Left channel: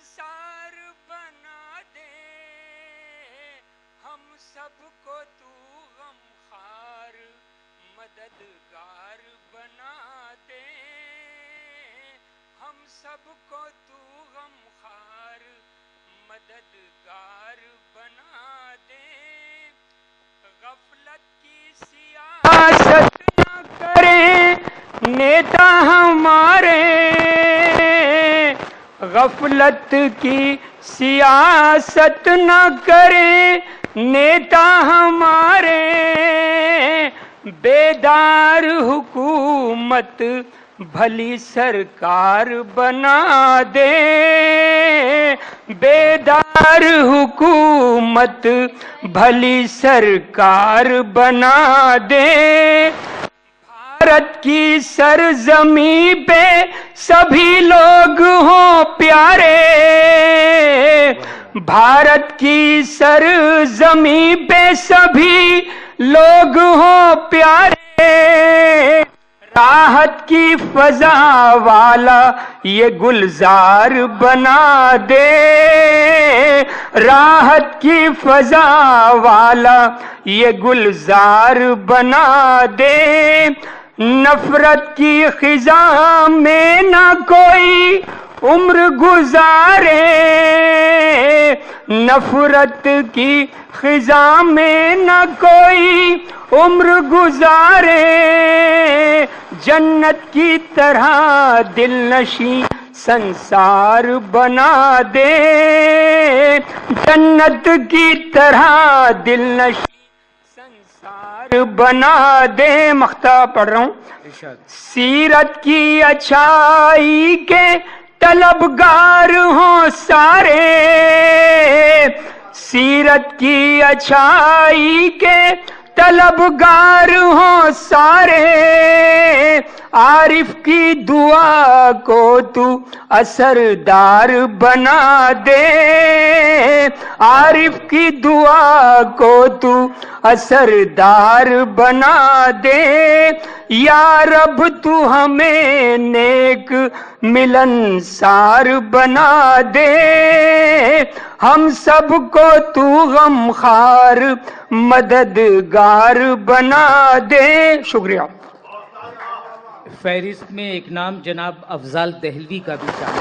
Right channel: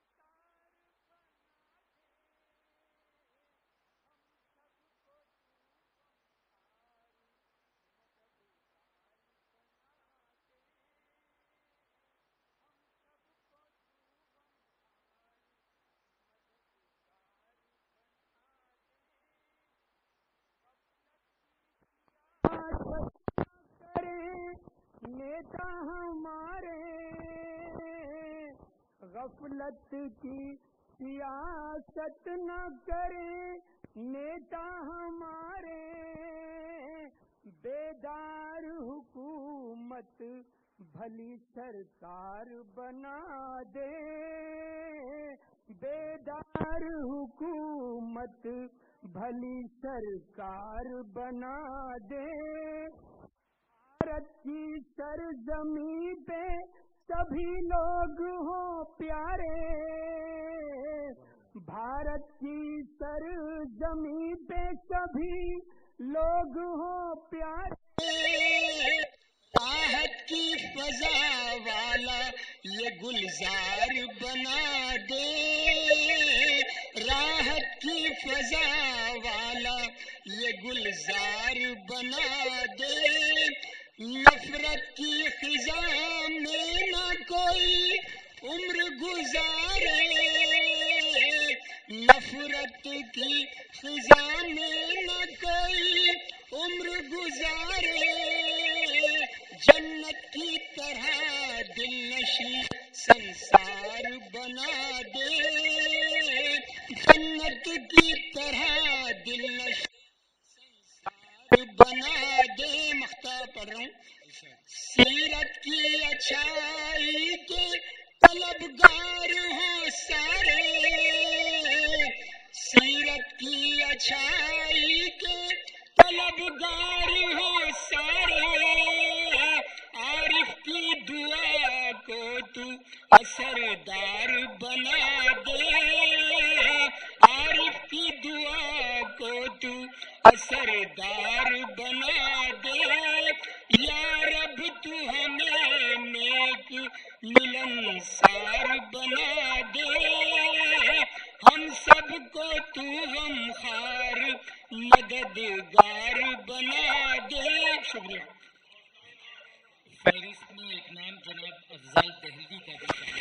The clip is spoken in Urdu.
سنسار بنا دے، ہم سب کو تو غمخوار مددگار بنا دے، ہم سب کو تو غمخوار مددگار بنا دے، غفلت کی سیاست نہ کریں نیتا ہمارے، غفلت کی سیاست نہ کریں نیتا ہمارے، بیدار حکومت بھلی سرکار بنا دے، بیدار حکومت بھلی سرکار بنا دے، بھارت کی سرزمین پہ سبھی لوگ ہوں پیارے، بھارت کی سرزمین پہ سبھی لوگ ہوں پیارے، راحت کی فضا والا یہ گلزار بنا دے، راحت کی فضا والا یہ گلزار بنا دے، نفرت کی خزاں میں نہ کوئی عمر گزارے، نفرت کی خزاں میں نہ کوئی عمر گزارے، جنت کی طرح دل نشیں سنسار بنا دے، جنت کی طرح دل نشیں سنسار بنا دے۔ مقطع پڑھ رہا ہوں۔ سیرت کی اچھائی کے طلبگار ہوں سارے، سیرت کی اچھائی کے طلبگار ہوں سارے، عارف کی دعا کو تو اثردار بنا دے، عارف کی دعا کو تو اثردار بنا دے، یا رب تو ہمیں نیک ملنسار بنا دے، ہم سب کو تو غمخوار مددگار بنا دے۔ شکریہ۔ فہرست میں ایک نام جناب افضال دہلوی کا بھی شامل